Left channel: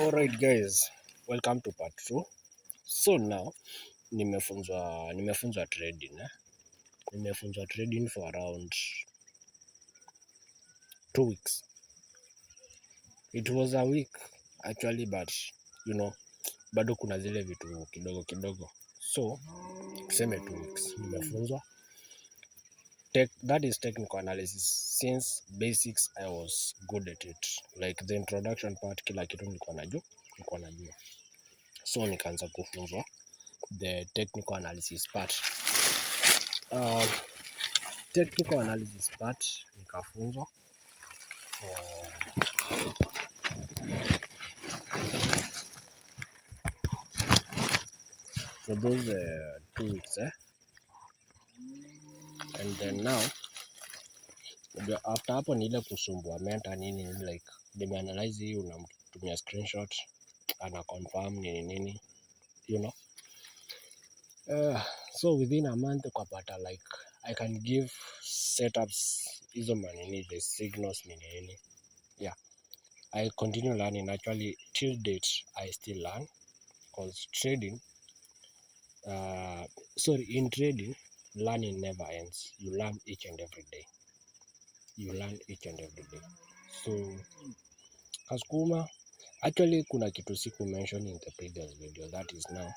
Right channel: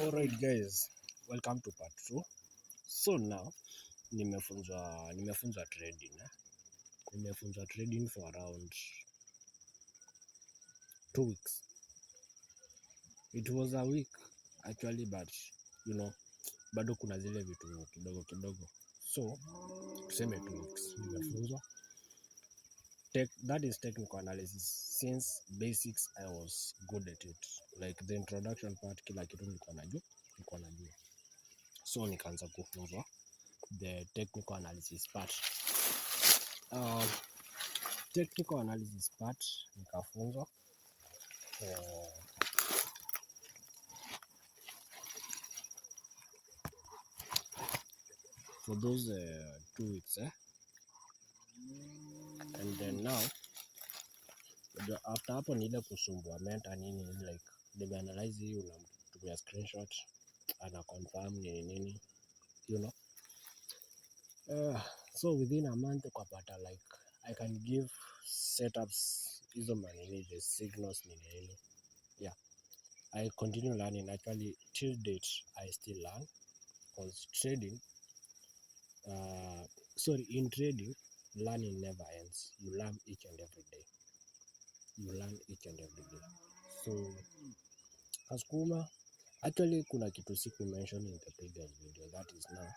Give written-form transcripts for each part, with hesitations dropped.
Alright guys, welcome to part 2. So now nimefunzwa trading Nimefunzwa trading for around 2 weeks. It was a week actually, but bado kuna zile vitu kidogo kidogo. So tuseme 2 weeks nimefunzwa. That is technical analysis. Since basics I was good at it. Like the introduction part, kila kitu nilikuwa najua. So nikaanza kufunzwa the technical analysis part. Technical analysis part nikafunzwa for those 2 weeks and then now after hapo ni ile kusumbua mentor nini, like nimeanalyze hii, unamtumia screenshot ana confirm nini so within a month ukapata like I can give setups hizo manini, the signals nini. I continue learning. Actually till date I still learn, because in trading learning never ends. You learn each and every day. So Kasukuma, actually kuna kitu siku mention in the previous video, that is now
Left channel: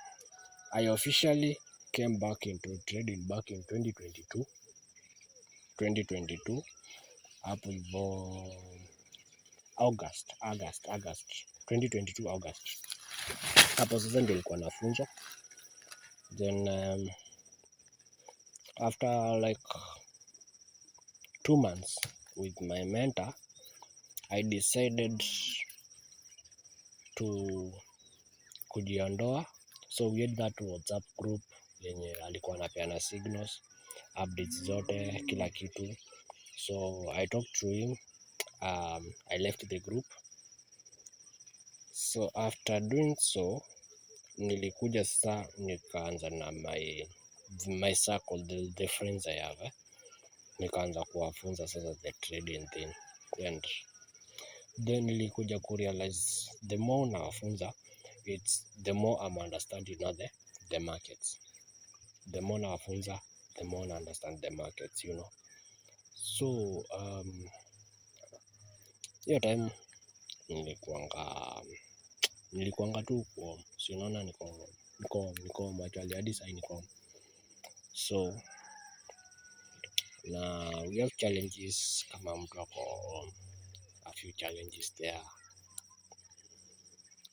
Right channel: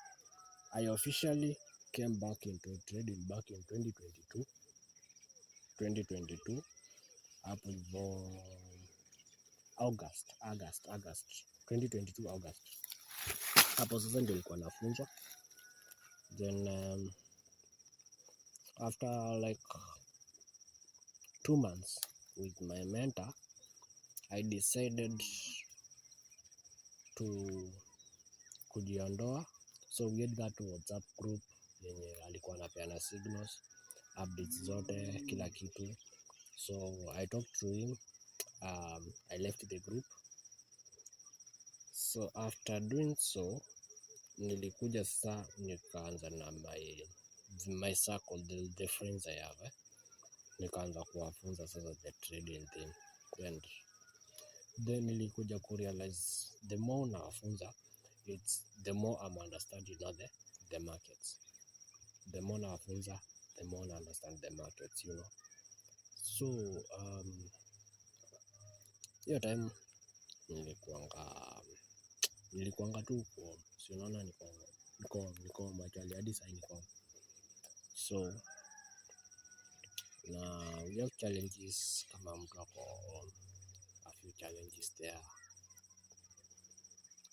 I officially came back into trading back in 2022 hapo hivyo August 2022 August, hapo sasa ndio nilikuwa nafunzwa. Then after like 2 months with my mentor, I decided to kujiondoa. So we had that WhatsApp group yenye alikuwa anapeana signals, updates zote, kila kitu. So I talked to him. I left the group. So after doing so, nilikuja sasa nikaanza na my circle, the friends I have nikaanza kuwafunza sasa the trading thing, and then nilikuja kurealize the more nawafunza, it's the more I'm understanding now the markets. The more nawafunza, the more I understand the markets, So hiyo time nilikuanga tu kwa sinaona niko actually hadi sasa niko. So na we have challenges, kama mtu ako a few challenges there,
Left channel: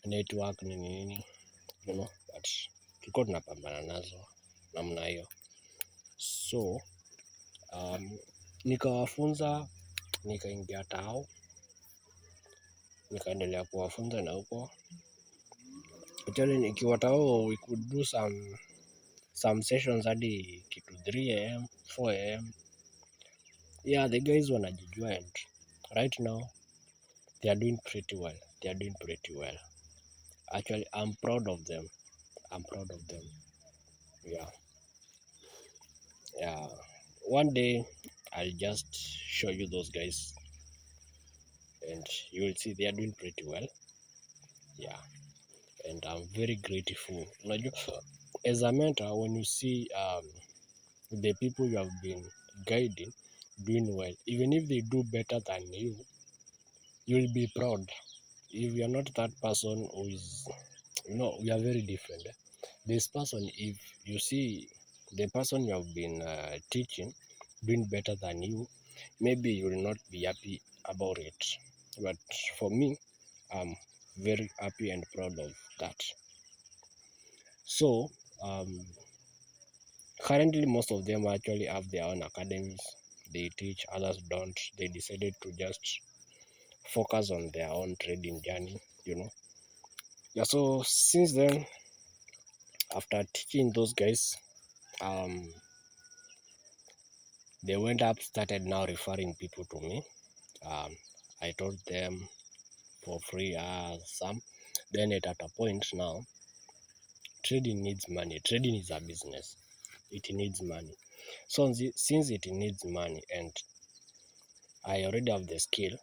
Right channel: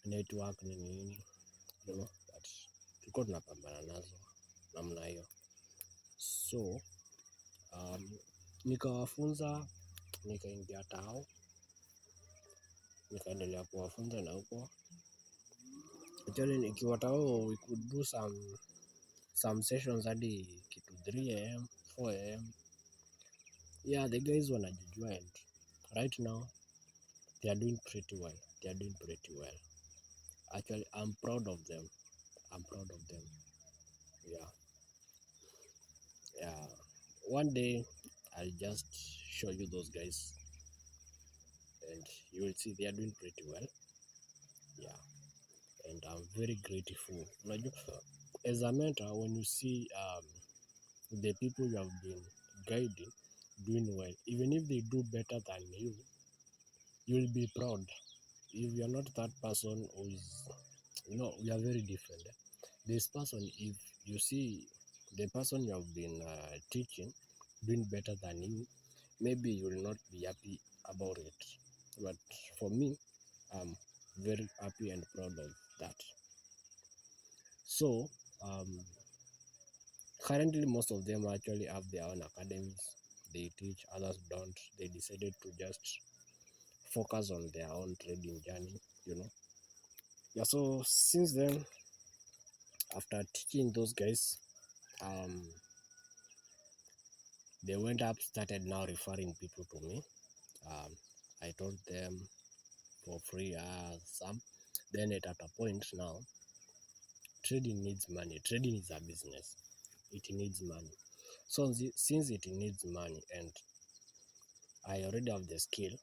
network nini but tulikuwa tunapambana nazo namna hiyo. So nikawafunza, nikaingia tao, nikaendelea kuwafunza na huko actually nikiwa tao we could do some sessions hadi kitu 3 am 4 am. Yeah, the guys wanajijua, and right now they are doing pretty well. Actually I'm proud of them. Yeah, one day I'll just show you those guys and you will see they are doing pretty well. Yeah, and I'm very grateful. As a mentor, when you see the people you have been guiding doing well, even if they do better than you, you'll be proud. If you're not that person who is, we are very different. This person, if you see the person you have been teaching doing better than you, maybe you will not be happy about it. But for me, I'm very happy and proud of that. So currently most of them actually have their own academies. They teach, others don't. They decided to just focus on their own trading journey. Yeah, so since then, after teaching those guys, they went up, started now referring people to me. I told them for free some. Then at a point now, trading needs money. Trading is a business. It needs money. So since it needs money and I already have the skill,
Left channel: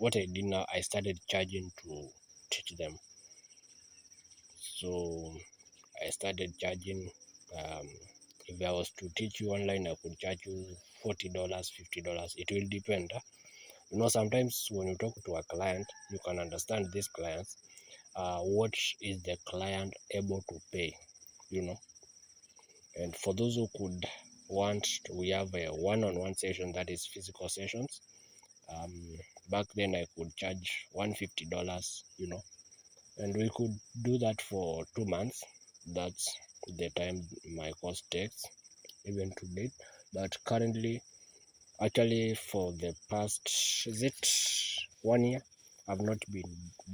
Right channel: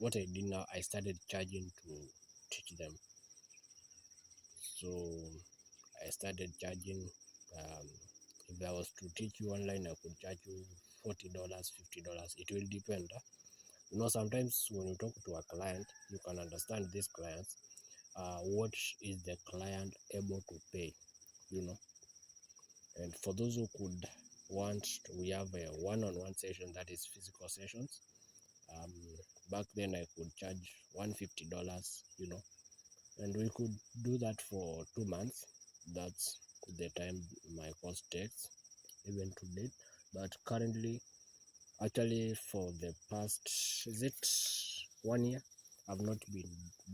what I did now, I started charging to teach them. So I started charging. If I was to teach you online, I could charge you $40, $50. It will depend. Sometimes when you talk to a client, you can understand these clients. What is the client able to pay? And for those who could want, we have a one-on-one session, that is physical sessions. Back then I could charge $150, and we could do that for 2 months. That's the time my course takes, even to date. But currently, actually, for the past, is it 1 year, I've not been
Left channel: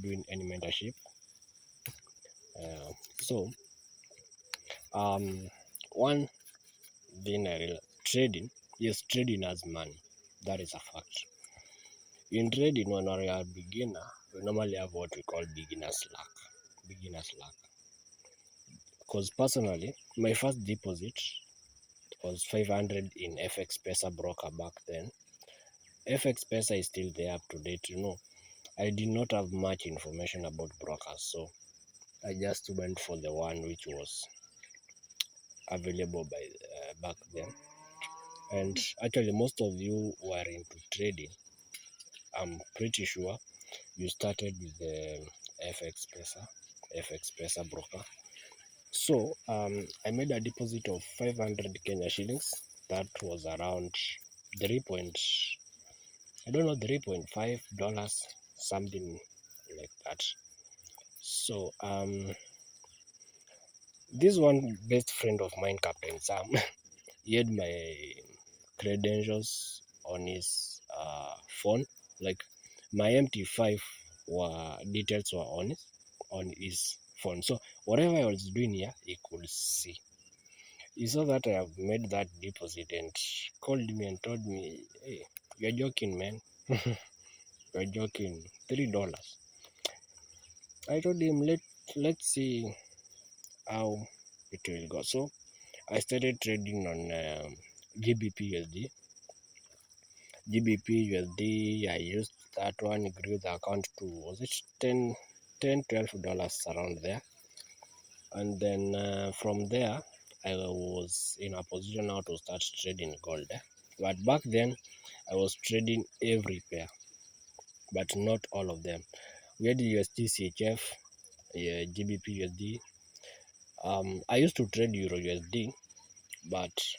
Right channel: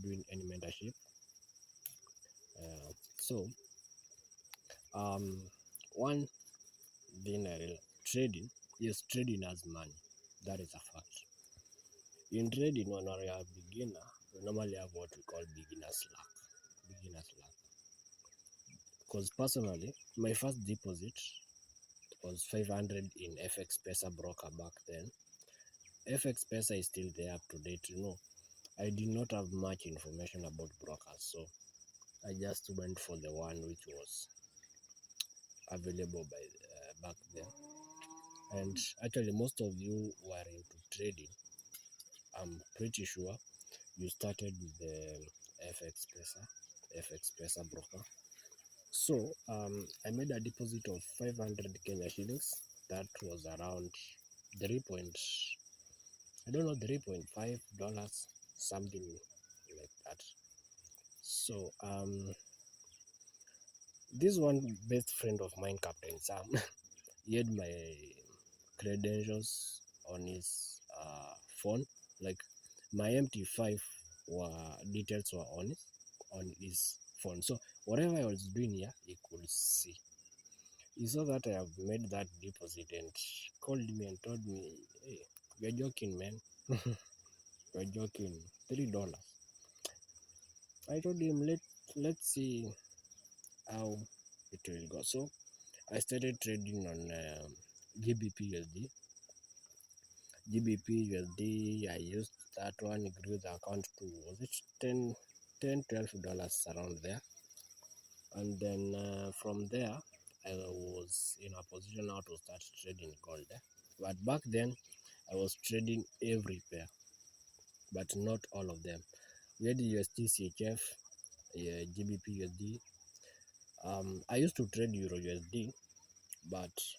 doing any mentorship. So one thing trading, yes, trading has money. That is a fact. In trading, when we are a beginner, we normally have what we call beginner's luck. Because personally, my first deposit was 500 in FX Pesa broker back then. FX Pesa is still there up to date. I did not have much information about brokers, so I just went for the one which was available back then. And actually, most of you who are into trading, I'm pretty sure you started with the FX Pesa broker. So I made a deposit of 500 Kenya shillings. That was around $3.5, something like that. So this one best friend of mine, Captain Sam, he had my credentials on his phone. Like my MT5 details were on his phone. So whatever I was doing here, he could see. He saw that I have made that deposit and called me and told me, "Hey, you're joking, man. You're joking. $3." I told him, let's see how it will go. So I started trading on GBP USD. I used that one, grew the account to, was it $10, $12 around there. And then from there, I was in a position now to start trading gold. But back then, I was trading every pair, but not all of them. We had USD CHF, GBP USD. I used to trade Euro USD, but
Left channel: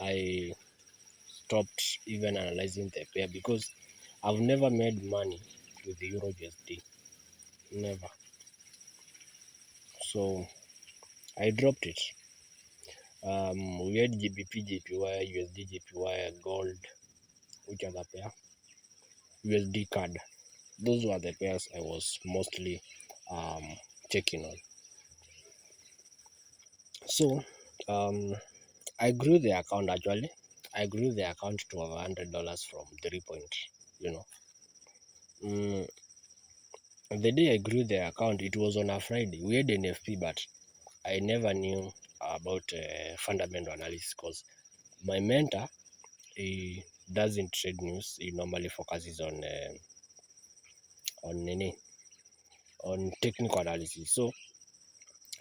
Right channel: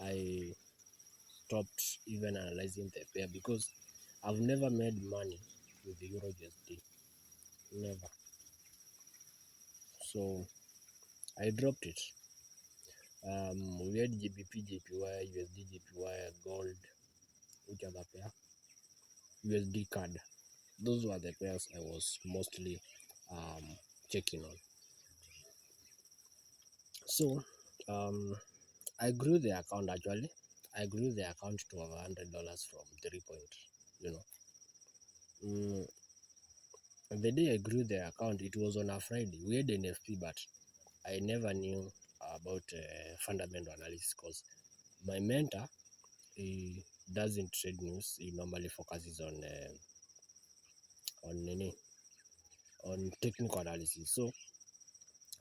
I stopped even analyzing the pair because I've never made money with the Euro USD. Never. So I dropped it. We had GBP, JPY, USD, JPY, gold, which other pair? USD CAD. Those were the pairs I was mostly checking on. So I grew the account actually. I grew the account to $100 from 3 point, you know. The day I grew the account, it was on a Friday. We had NFP, but I never knew about fundamental analysis because my mentor, he doesn't trade news. He normally focuses on technical analysis. So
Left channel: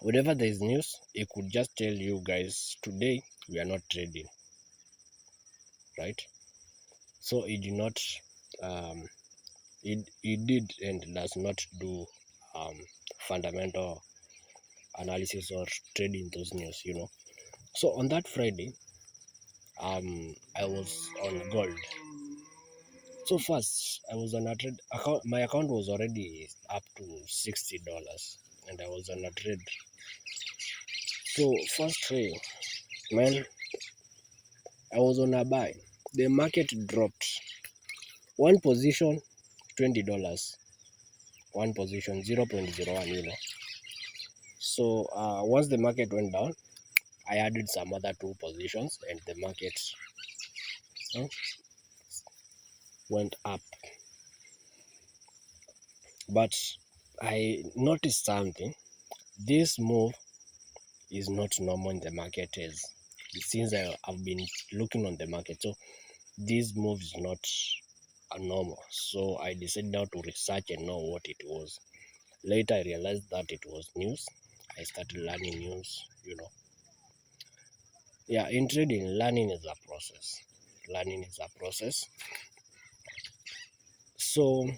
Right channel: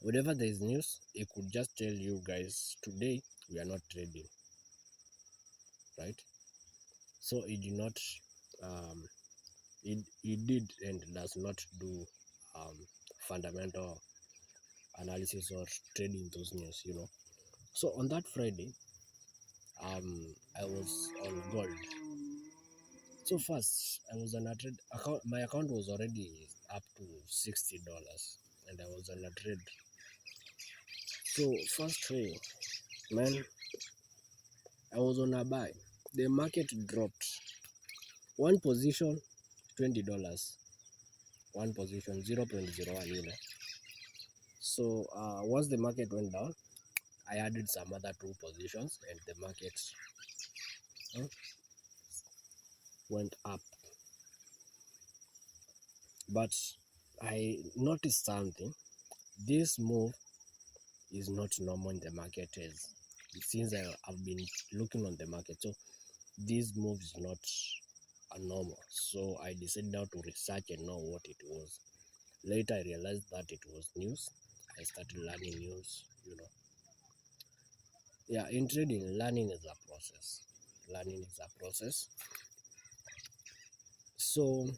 whenever there is news, he could just tell you guys, today we are not trading, right? So he did not, he did and does not do fundamental analysis or trading those news, So on that Friday, I was on gold. So first, I was on a trade account. My account was already up to $60, and I was on a trade. So first trade, man, I was on a buy. The market dropped. One position, $20. One position, 0.01. So once the market went down, I added some other two positions, and the market went up. But I noticed something. This move is not normal in the market since I've been looking on the market. So this move is not normal. So I decided now to research and know what it was. Later I realized that it was news. I started learning news, Yeah, in trading, learning is a process. Learning is a process. So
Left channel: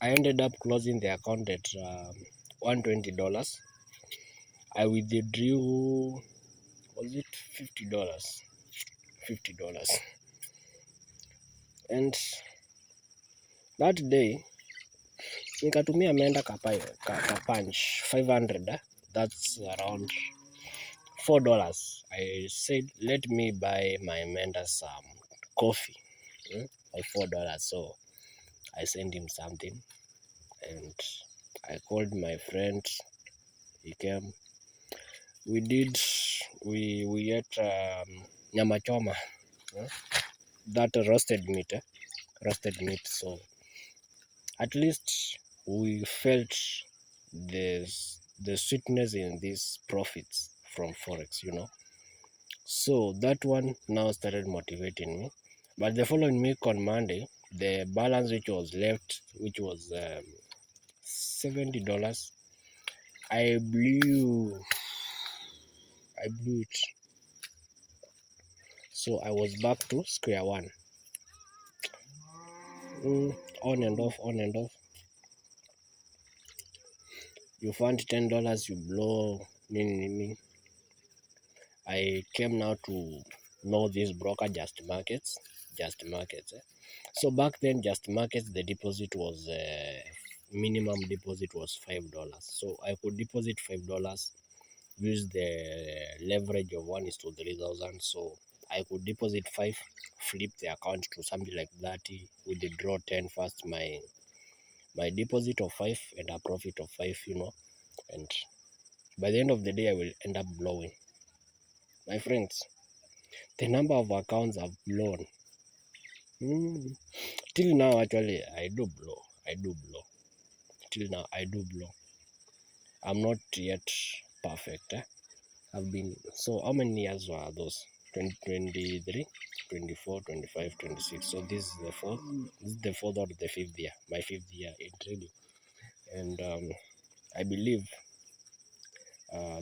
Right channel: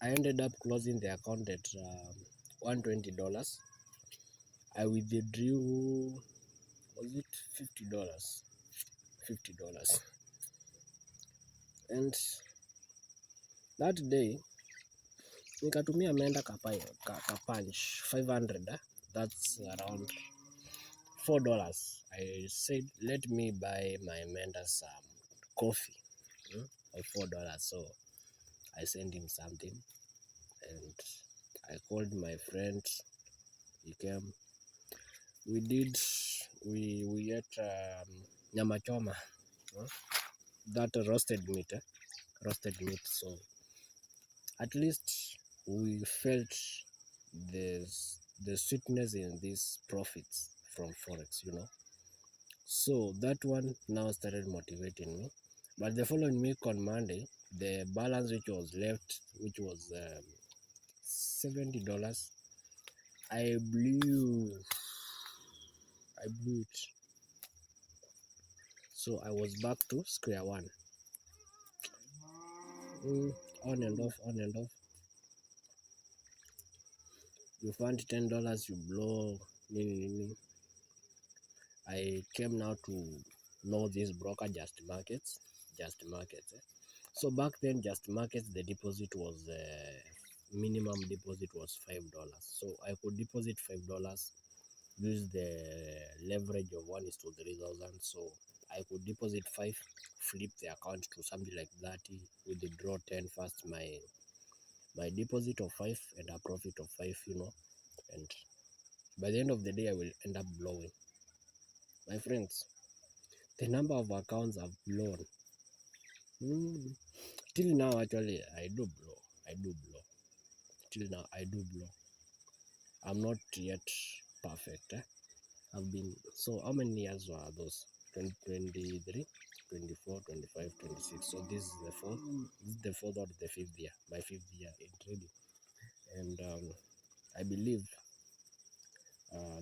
I ended up closing the account at $120. I withdrew, was it $50? $50. And that day nikatumia ameenda kapunch 500, that's around $4. I said let me buy my mentor some coffee, by $4. So I sent him something, and I called my friend. He came. We ate nyama choma, that roasted meat. So at least we felt the sweetness in these profits from forex. So that one now started motivating me. But the following week on Monday, the balance which was left, which was $70, I blew it. So I was back to square one. On and off, on and off. You find $10, you blow. Nini. I came now to know this broker, Just Markets. So back then, Just Markets, the deposit was minimum deposit was $5. So I could deposit $5, use the leverage of 1:3,000. So I could deposit 5, flip the account to something like 30, withdraw 10 first, my deposit of 5 and a profit of 5, and by the end of the day I will end up blowing. My friends, the number of accounts I've blown, till now actually I do blow. Till now I do blow. I'm not yet perfect. I've been, so how many years were those? 2023, 24, 25, 26. So this is the fourth. This is the fourth or the fifth year. My fifth year in trading, and I believe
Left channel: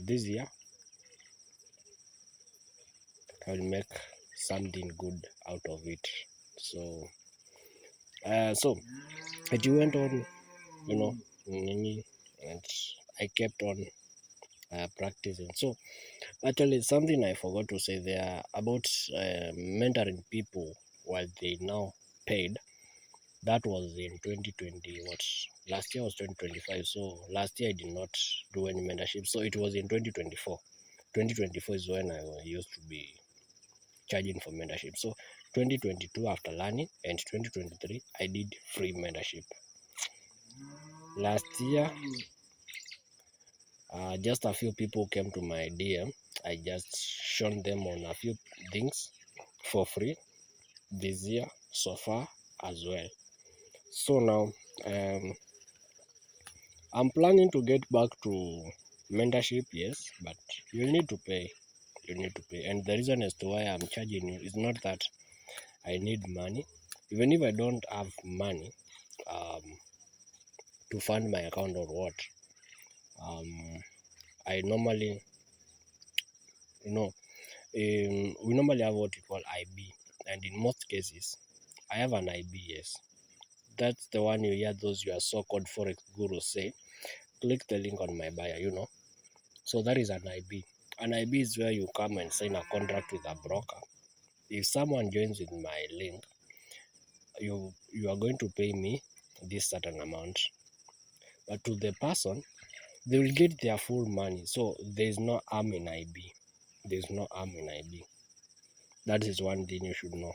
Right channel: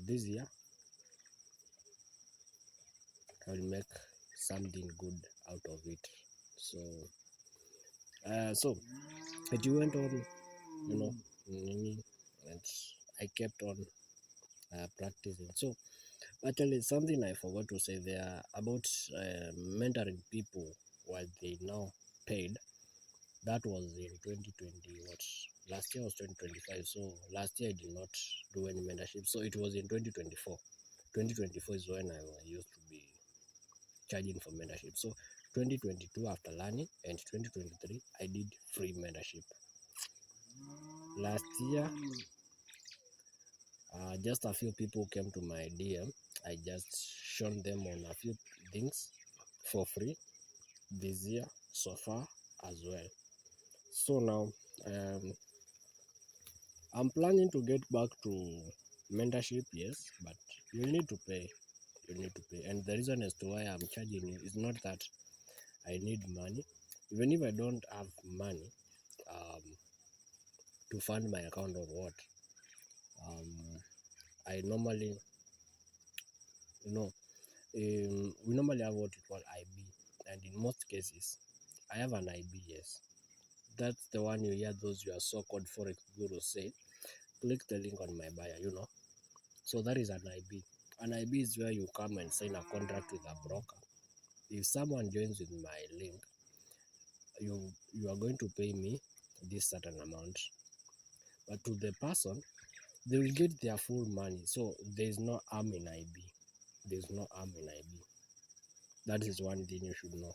this year I will make something good out of it. So so it went on, and I kept on practicing. So actually, something I forgot to say there about mentoring people while they now paid. That was in 2020. What, last year was 2025. So last year I did not do any mentorship. So it was in 2024. 2024 is when I used to be charging for mentorship. So 2022 after learning, and 2023 I did free mentorship. Last year, just a few people came to my DM. I just shown them on a few things for free this year so far as well. So now I'm planning to get back to mentorship, yes, but you need to pay. You need to pay. And the reason as to why I'm charging you is not that I need money. Even if I don't have money to fund my account or what, I normally, we normally have what we call IB. And in most cases, I have an IB, yes. That's the one you hear those your so-called forex gurus say, click the link on my bio. So that is an IB. An IB is where you come and sign a contract with a broker. If someone joins with my link, you are going to pay me this certain amount. But to the person, they will get their full money. So there is no harm in IB. There is no harm in IB. That is one thing you should know.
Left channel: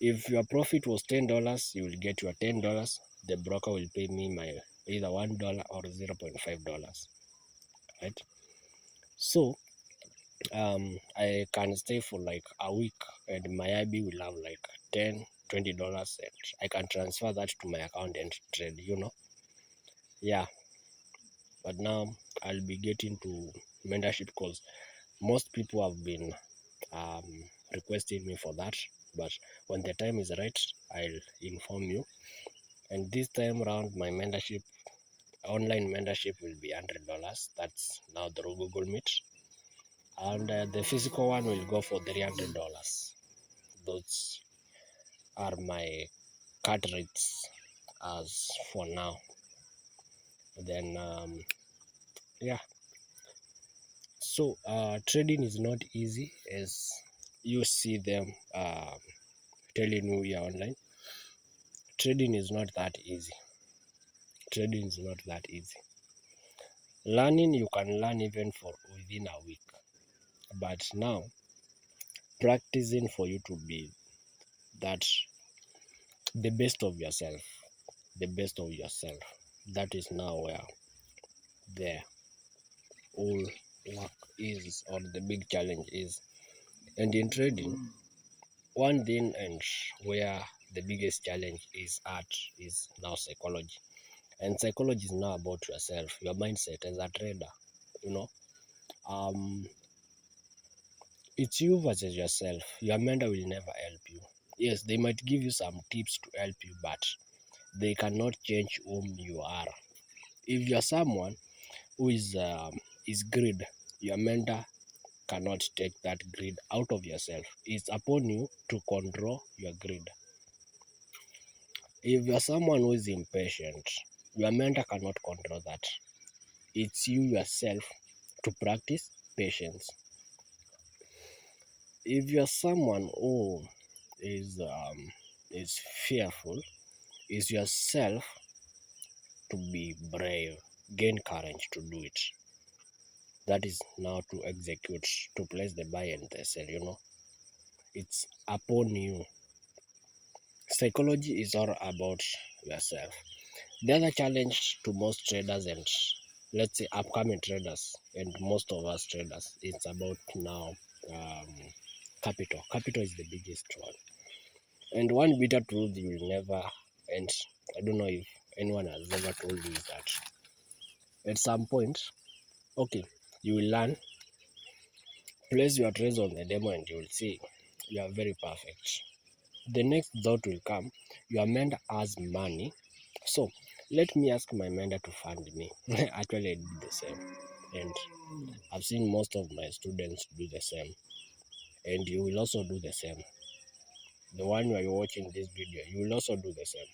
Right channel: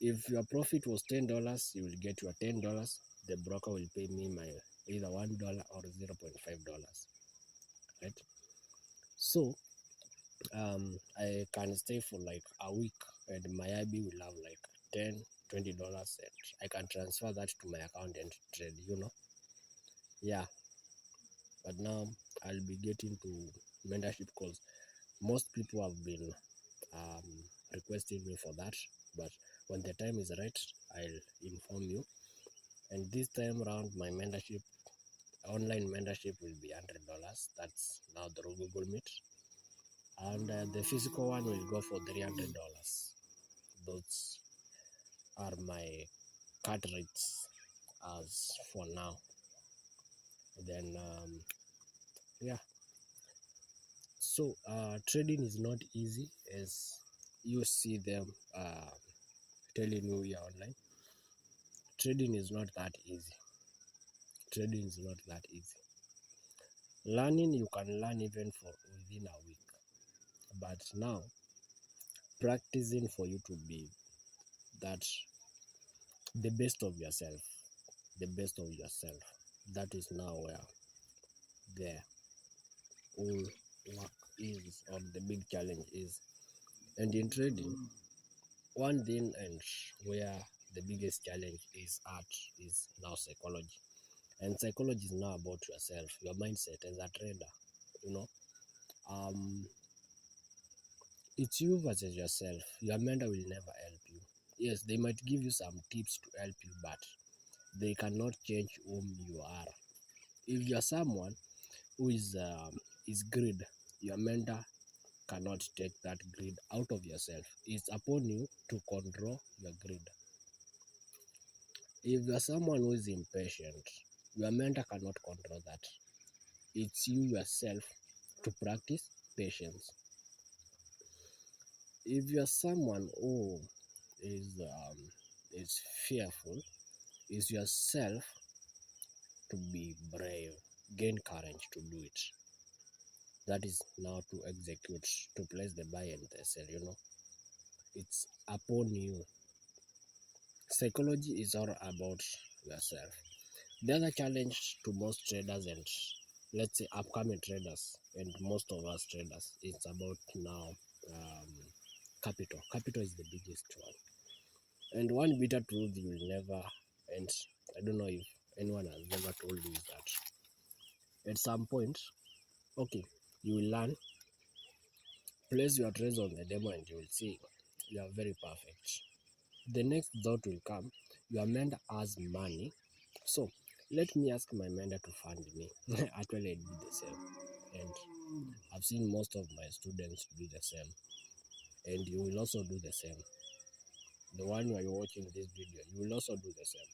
If your profit was $10, you will get your $10. The broker will pay me my either $1 or $0.5. Right? So I can stay for like a week, and my IB will have like $10, $20, and I can transfer that to my account and trade. Yeah, but now I'll be getting to mentorship because most people have been requesting me for that. but when the time is right, I'll inform you. And this time around, my membership, online membership, will be $100. That's now through Google Meet, and the physical one will go for $300. Those are my cut rates as for now. Then yeah, so trading is not easy as you see them telling you here online. Trading is not that easy. Trading is not that easy. Learning, you can learn even for within a week, but now practicing for you to be that the best of yourself, the best of yourself, that is now where the whole work is, or the big challenge is. And in trading, one thing, and where the biggest challenge is at, is now psychology. And psychology is now about yourself, your mindset as a trader. You know, it's you versus yourself. Your mentor will never help you. Yes, they might give you some tips to help you, but they cannot change whom you are. If you're someone who is greed, your mentor cannot take that greed out of yourself. It's upon you to control your greed. If you're someone who is impatient, your mentor cannot control that. It's you yourself to practice patience. If you're someone who is fearful, it's yourself to be brave, gain courage to do it. That is now to execute, to place the buy and the sell. It's upon you. Psychology is all about yourself. The other challenge to most traders, and let's say upcoming traders, and most of us traders, it's about now capital. Capital is the biggest one. And one bitter truth you will never, and I don't know if anyone has ever told you, is that at some point, okay, you will learn, place your trades on the demo, and you will see you are very perfect. The next thought will come, your mentor has money, so let me ask my mentor to fund me. Actually, I did the same, and I've seen most of my students do the same, and you will also do the same. The one who are watching this video, you will also do the same.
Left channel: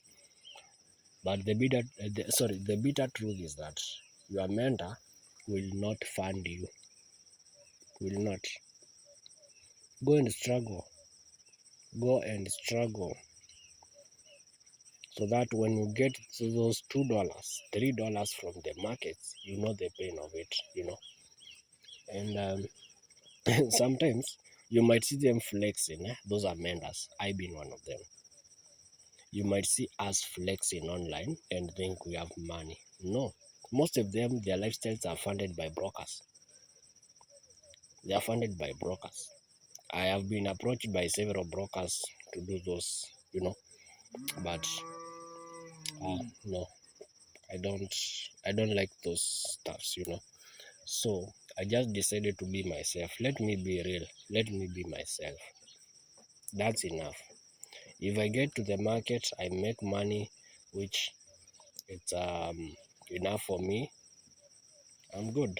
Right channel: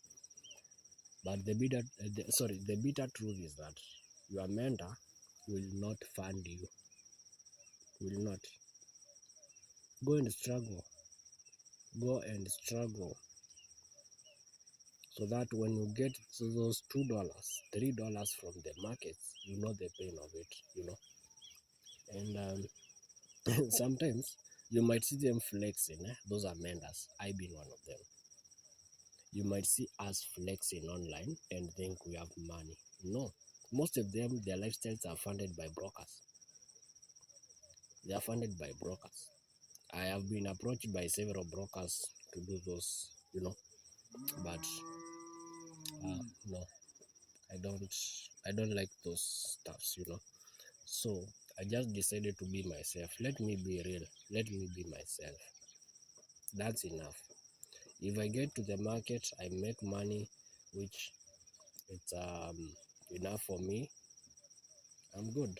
But the bitter truth is that your mentor will not fund you. Will not. Go and struggle. Go and struggle. So that when you get to those $2, $3 from the markets, you know the pain of it. And sometimes you might see them flexing. Those are mentors. I been one of them. You might see us flexing online and think we have money. No. Most of them, their lifestyles are funded by brokers. They are funded by brokers. I have been approached by several brokers to do those, but no, I don't like those stuffs. So I just decided to be myself. Let me be real. Let me be myself. That's enough. If I get to the market, I make money, which it's enough for me. I'm good.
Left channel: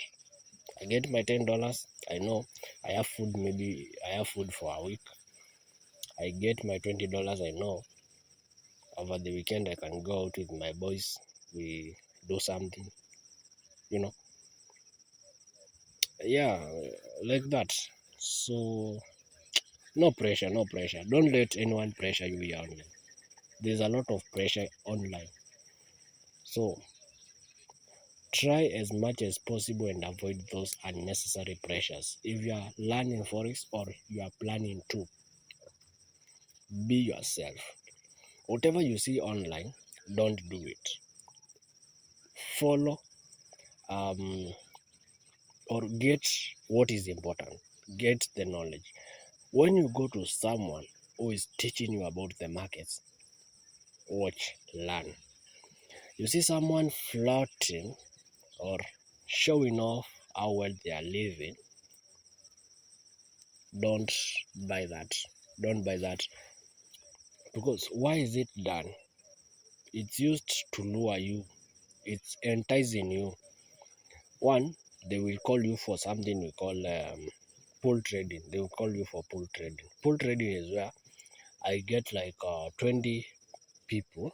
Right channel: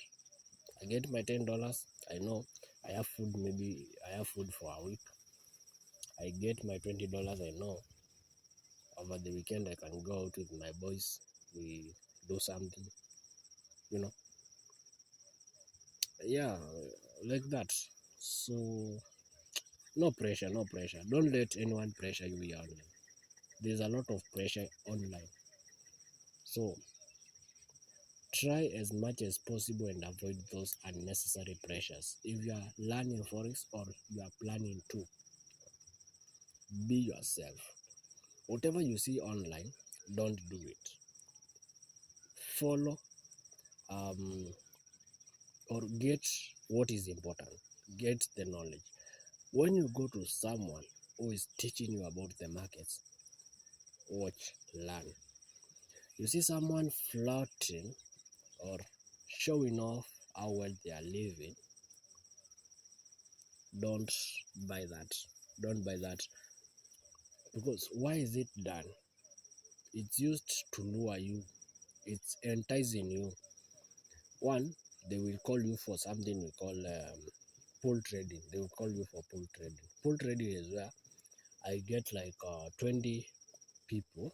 I get my $10. I know I have food. Maybe I have food for a week. I get my $20. I know over the weekend I can go out with my boys. We do something. You know, yeah, like that. So no pressure, no pressure. Don't let anyone pressure you here online. There's a lot of pressure online. So try as much as possible and avoid those unnecessary pressures. If you are learning forex or you are planning to, be yourself. Whatever you see online, don't do it. Follow or get what is important. Get the knowledge. When you go to someone who is teaching you about the markets, watch, learn. You see someone flirting or showing off how well they are living, don't buy that. Don't buy that. Because why is it done? It's used to lure you, it's enticing you. One, they will call you for something we call pool trading. They will call you for pool trading. Pool trading is where I get like 20 people,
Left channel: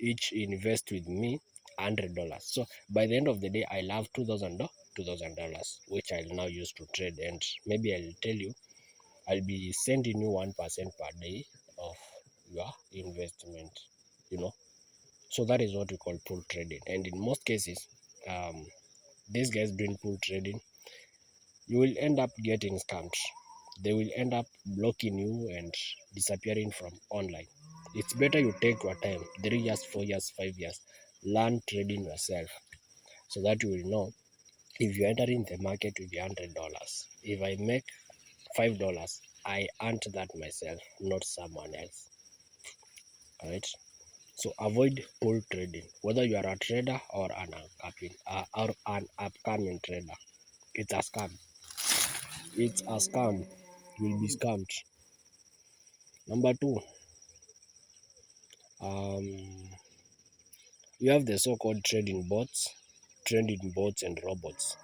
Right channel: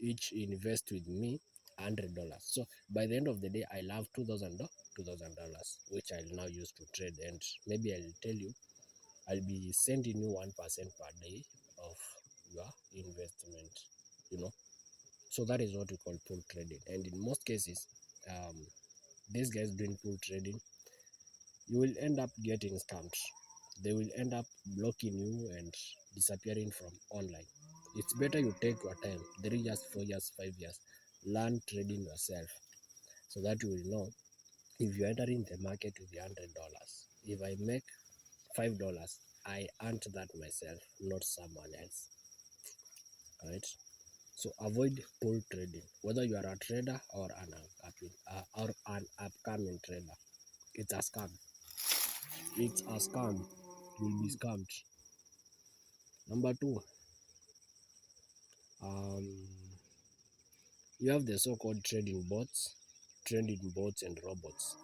each invest with me $100. So by the end of the day, I'll have $2,000, which I'll now use to trade. And maybe I'll tell you, I'll be sending you 1% per day of your investment, you know. So that is what we call pool trading. And in most cases, um, these guys doing pool trading, you will end up getting scammed. They will end up blocking you and disappearing from online. It's better you take your time, 3 years, 4 years, 5 years, learn trading yourself so that you will know if you're entering the market with $100. If I make $5, I earned that myself, not someone else. All right. So avoid pool trading, whether you are a trader or an upcoming trader. It's a scam. It's a scam. You will be scammed. Number two, um, you have the so-called trading bots and robots.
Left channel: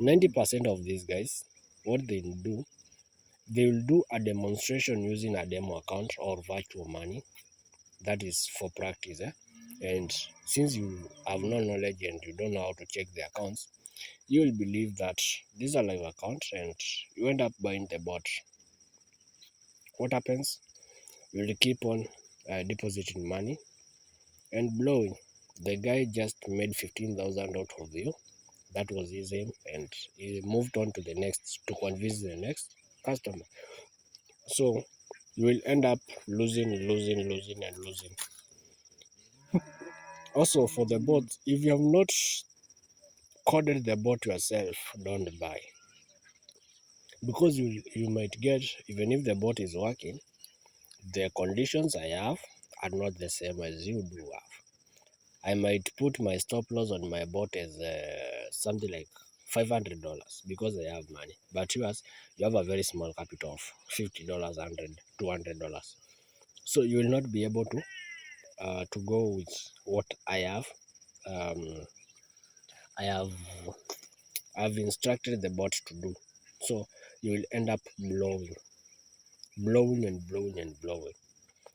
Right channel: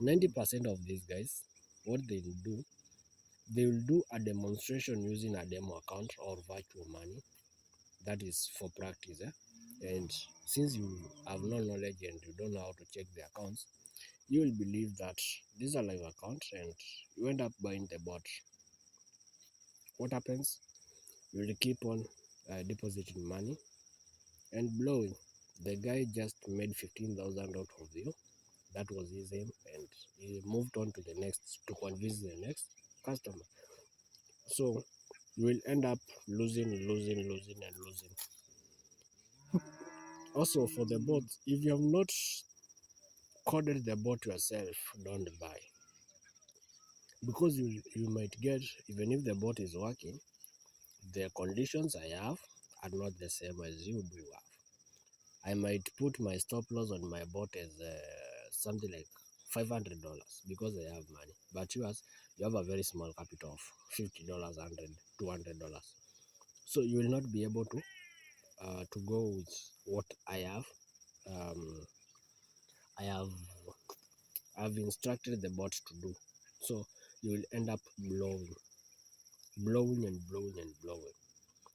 90% of these guys, what they will do a demonstration using a demo account or virtual money. That is for practice. And since you have no knowledge and you don't know how to check the accounts, you will believe that these are live accounts and you end up buying the bot. What happens? You will keep on depositing money and blowing. The guy just made 15,000 out of you. That was his aim, and he moved on to the next to convince the next customer. So you will end up losing, and losing. Also, for the bot, if you have not coded the bot yourself, don't buy, because you might get, even if the bot is working, the conditions I have are not the same as you do have. I might put my stop loss on my bot as something like $500 because I have money. But yours, you have a very small capital of $50, 100, $200. So you will not be able to go with what I have. Um, I have I've instructed the bot to do. So you will end up blowing and blowing and blowing.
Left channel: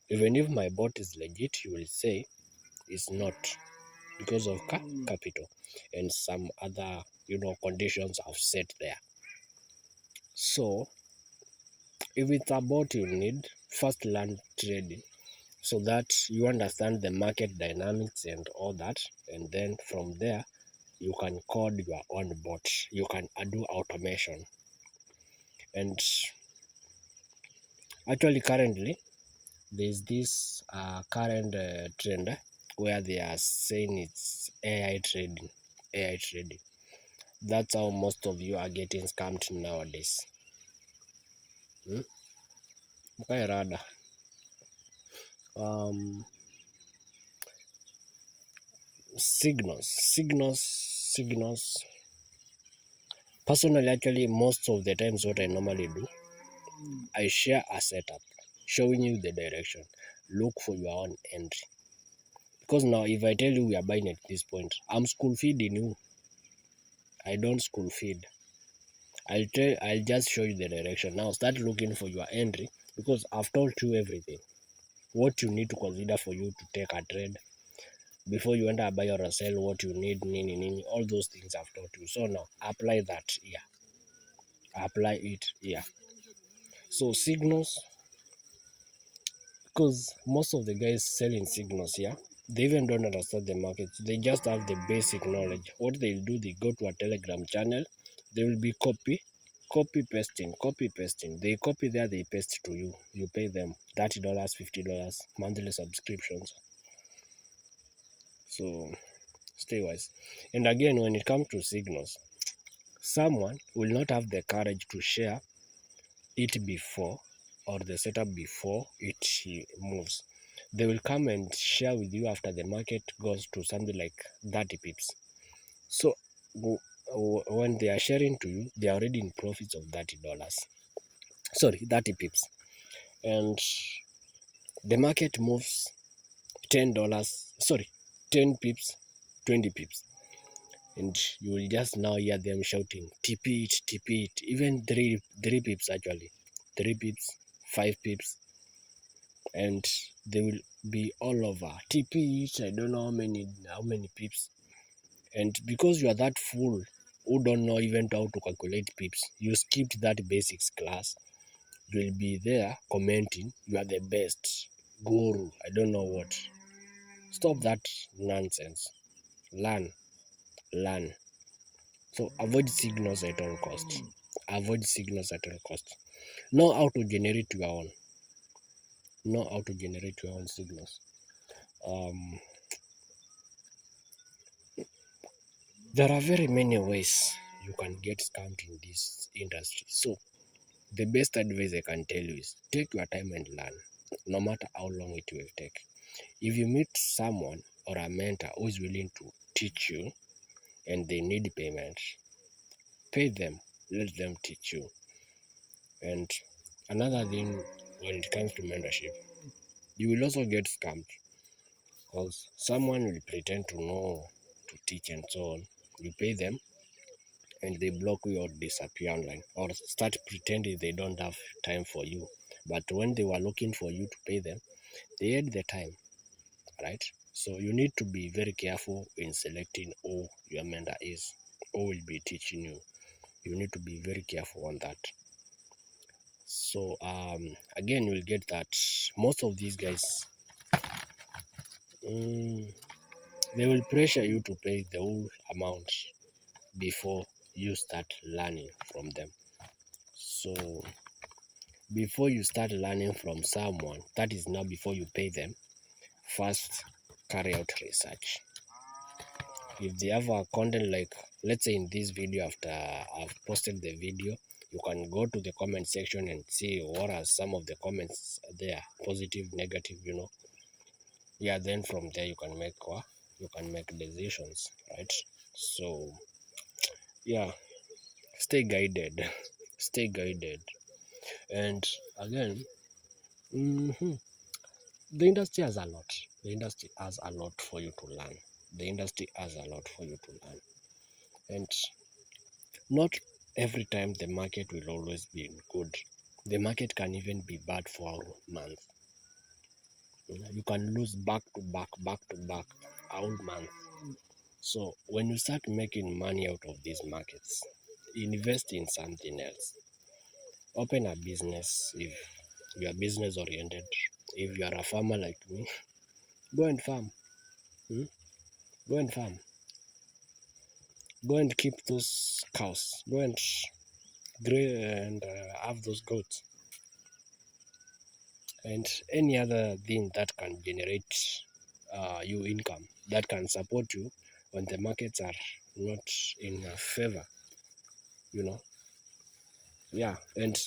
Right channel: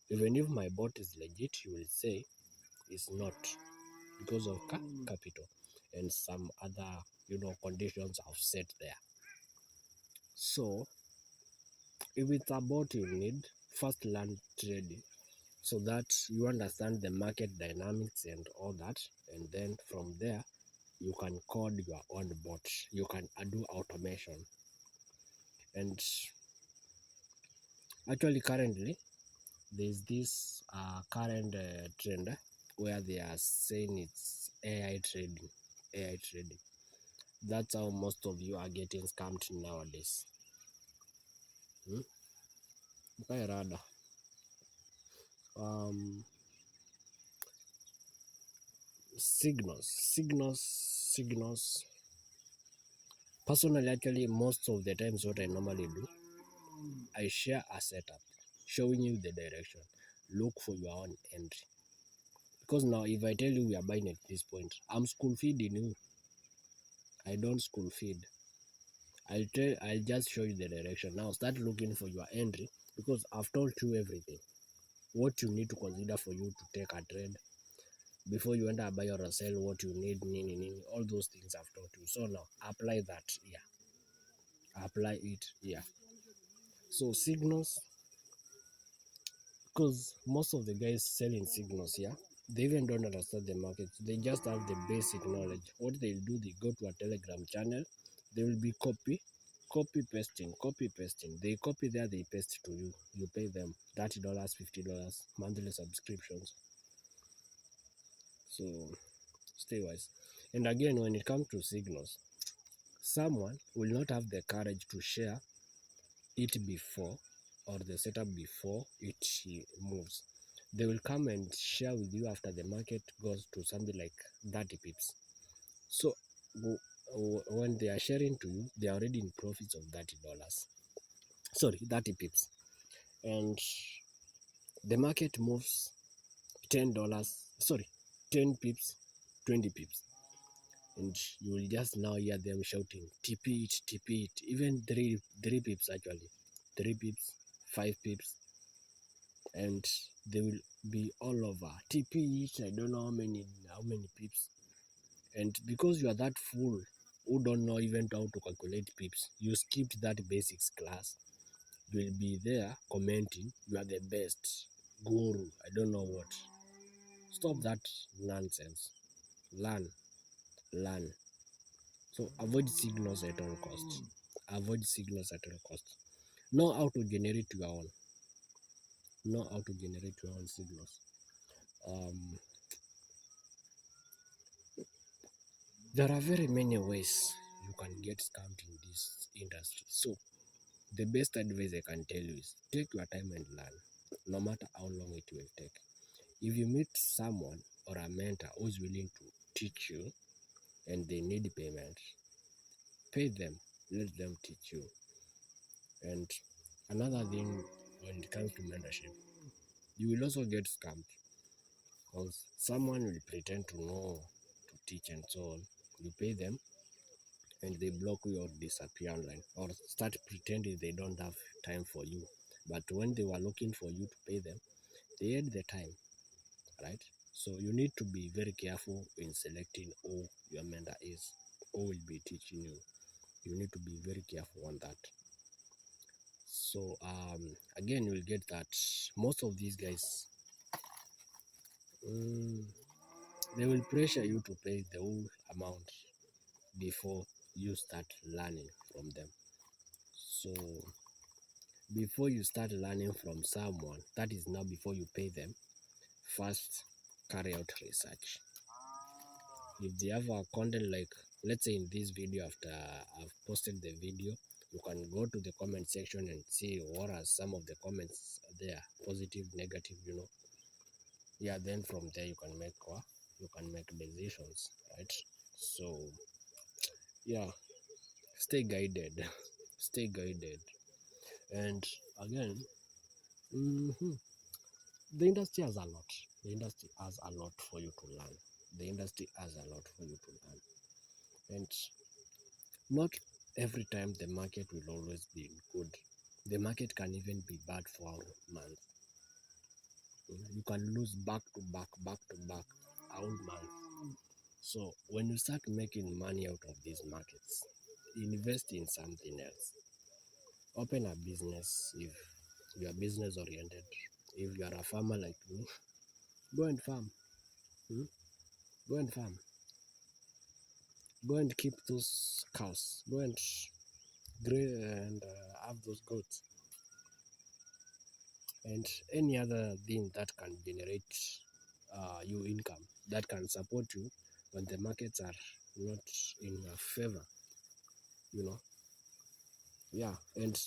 Even if my bot is legit, you will say it's not, because of capital and some other conditions I've set there. So if it's about you need first learn trading so that you understand the market dynamics and all that, and then from there you can code your own bot, you can do automation. And actually currently there's this current trend where they are saying it's AI trading. That's how most of you are getting scammed nowadays. Okay, rather. Um, signals. Personally, actually, most of the times, what I normally do, I share a setup showing you the direction. Look for your own entry. Because now, if I tell you we are buying at this point, I'm school feeding you. I don't school feed. I'll just show you the direction. Now, start looking for your entry because I've told you everything. What you need to consider for you to take a trade before you enter buy or sell, what you need, all those things I've taught you. So now apply that here, apply it here. So signals, because most of the guys selling signals here, they even don't understand the market. They just have the basic knowledge. What they'll do, they go to a Telegram channel, they will be copy pasting. They copy there, they paste to you. You pay them $30, $50 monthly subscriptions. So stay wise. And again, when it comes to signals, someone will not have the courage to share it before, or the setup before it moves. They will come and share with you after the market goes to something like 30 pips. So when they are sharing to you, they are already in profits of $30. Sorry, 30 pips. and the market moves $10, sorry, 10 pips, 20 pips, and you will just now hear them shouting TP it, even three pips actually, 3 pips, 5 pips, and they will be all over TP it. I don't know how many pips, and because you are that fool who don't know even how to calculate pips, you skipped that basics class. You will be there commenting you are the best guru, I don't know what. Stop that nonsense. Learn. Learn. So avoid signals at all costs. Avoid signals at all costs. Know how to generate your own. Know how to generate your own signals. Um, there are very many ways you can get scammed in this industry. So the best advice I can tell you is take your time and learn, no matter how long it will take. If you meet someone or a mentor who is willing to teach you and they need payment, pay them, let them teach you. And another thing, when it comes to mentorship, you will also get scammed because someone will pretend to know to teach and so on. You pay them and they block you or disappear online or start pretending they don't have time for you. But when they were looking for you to pay them, they had the time, right? So you need to be very careful in selecting who your mentor is, who will be teaching you. You need to be very careful on that. So again, you'll get that most of these guys, they will pressure you to pay the whole amount before you start learning from them. So before you start learning from someone, that is now before you pay them, first carry out research. If they have a content, like let's say in this video, after I've posted the video, you can go to the comment section and see what are some of the comments there, positive, negative, yeah, then from there you can make decisions, right? So yeah, stay guided. Stay guided. And again, the industry has a lot. The industry has a lot for you to learn. The industry has a lot for you to learn. And not every time the market will always be good. The market can even be bad for a month. You can lose back to back a whole month. So when you start making money out of these markets, invest in something else. Open a business if you are business oriented. If you are a farmer like me, go and farm. Go and farm. Go and keep those cows. Go and have those goats and any other thing that can generate you income, that can support you when the markets are not in favor. You know, yeah. And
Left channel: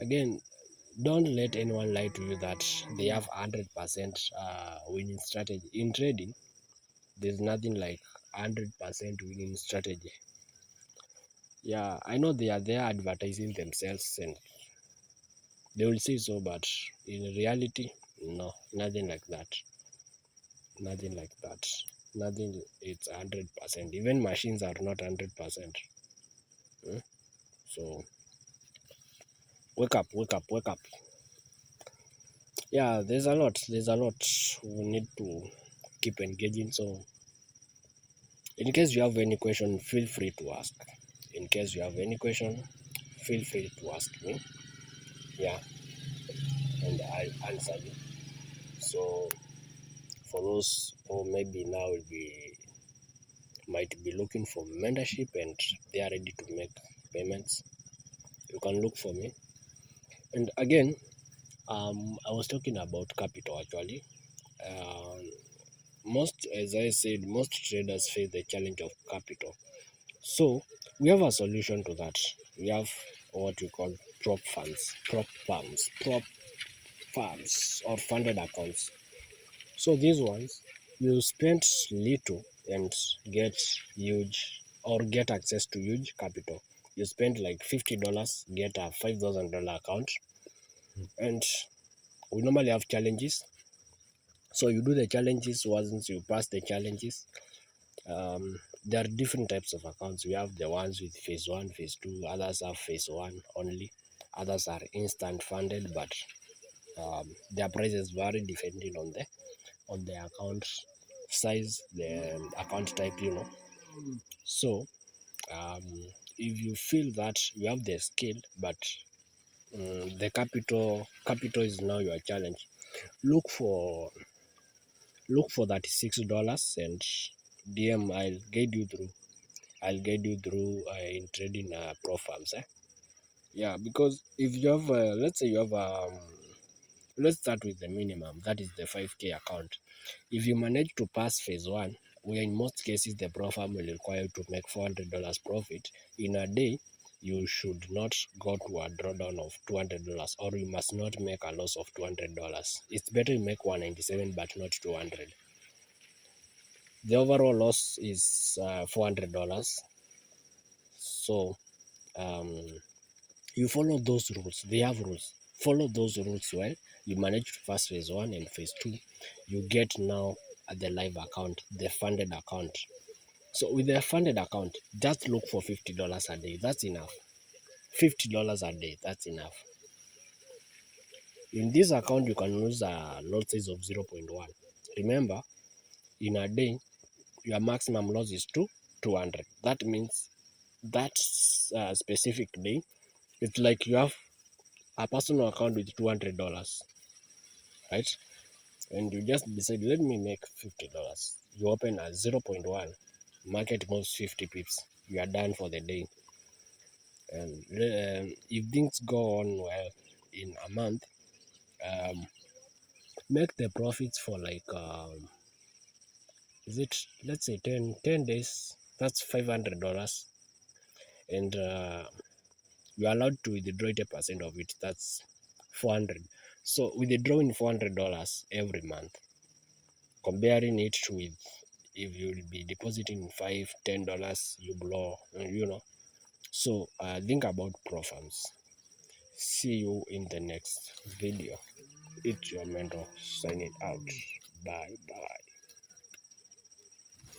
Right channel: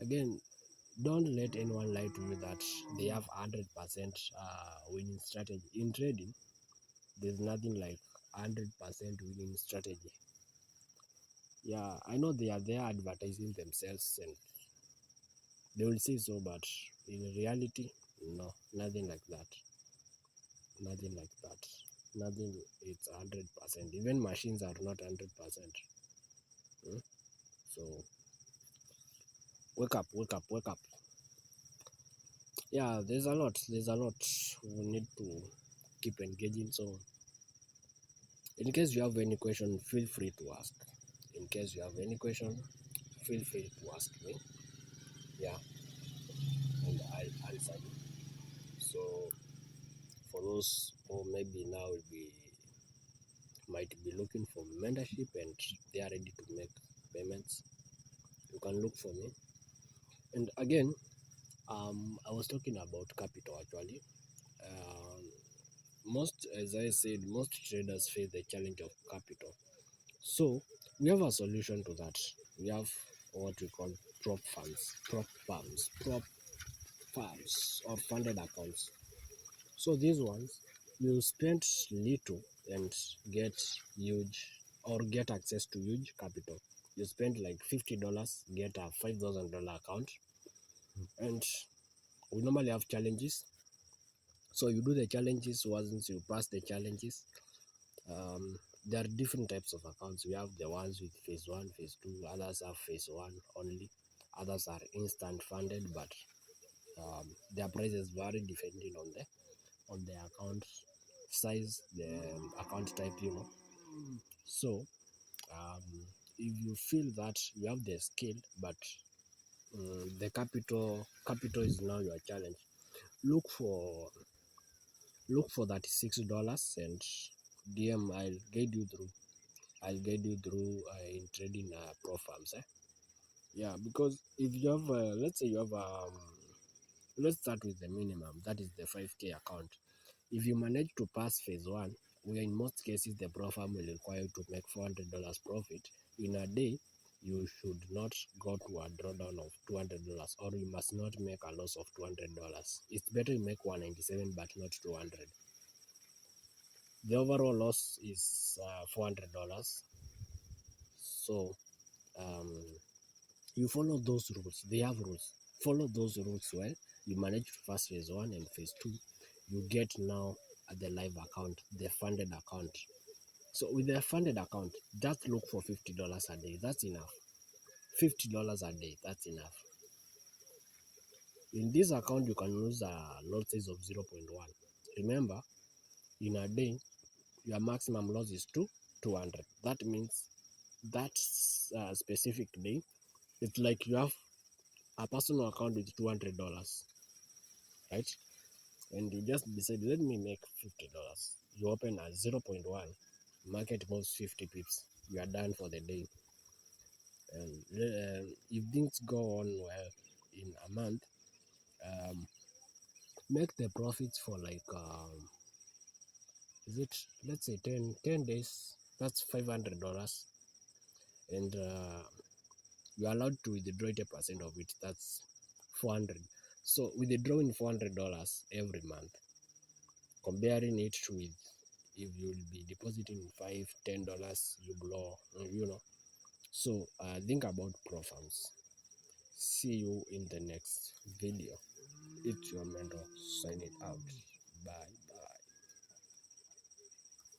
again, don't let anyone lie to you that they have 100% winning strategy in trading. There's nothing like 100% winning strategy. Yeah, I know they are there advertising themselves and they will say so, but in reality, no, nothing like that. Nothing like that. Nothing, it's 100%. Even machines are not 100%. So wake up, wake up, wake up. Yeah, there's a lot. There's a lot we need to keep engaging. So in case you have any question, feel free to ask. In case you have any question, feel free to ask me. Yeah, and I'll answer you. So for those who maybe now might be looking for mentorship and they are ready to make payments, you can look for me. And again, I was talking about capital actually. As I said, most traders face the challenge of capital. So we have a solution to that. We have what we call prop farms, or funded accounts. So these ones, you spend little and get huge, or get access to huge capital. You spend like $50, get a $5,000 account, And we normally have challenges. So you do the challenges. Once you pass the challenges, there are different types of accounts. We have the ones with phase one, phase two. Others have phase one only. Others are instant funded, but their prices vary depending on the account size, the account type. So um, if you feel that you have the skill, but the capital is now your challenge, look for $36 and DM. I'll guide you through in trading pro farms. Yeah, because if you have let's say you have let's start with the minimum, that is the 5k account. If you manage to pass phase one, where in most cases the pro farm will require you to make $400 profit in a day, you should not go to a drawdown of $200, or you must not make a loss of $200. It's better you make 197 but not 200. The overall loss is $400. So um, you follow those rules. They have rules. Follow those rules well. You manage to pass phase one and phase two. You get now at the live account, the funded account. So with the funded account, just look for $50 a day. That's enough. $50 a day. That's enough. In this account, you can lose a lot size of 0.1. Remember, in a day, your maximum loss is 200. That means that specific day, it's like you have a personal account with $200, right? And you just decide, let me make $50. You open at 0.1, market moves 50 pips, you are done for the day. And if things go on well in a month, um, make the profits for like is it, let's say 10 days, that's $500. And you're allowed to withdraw 80% of it, that's 400. So withdrawing $400 every month, comparing it with if you'll be depositing $5-10, you blow. So think about pro farms. See you in the next video. It's your mentor signing out. Bye bye.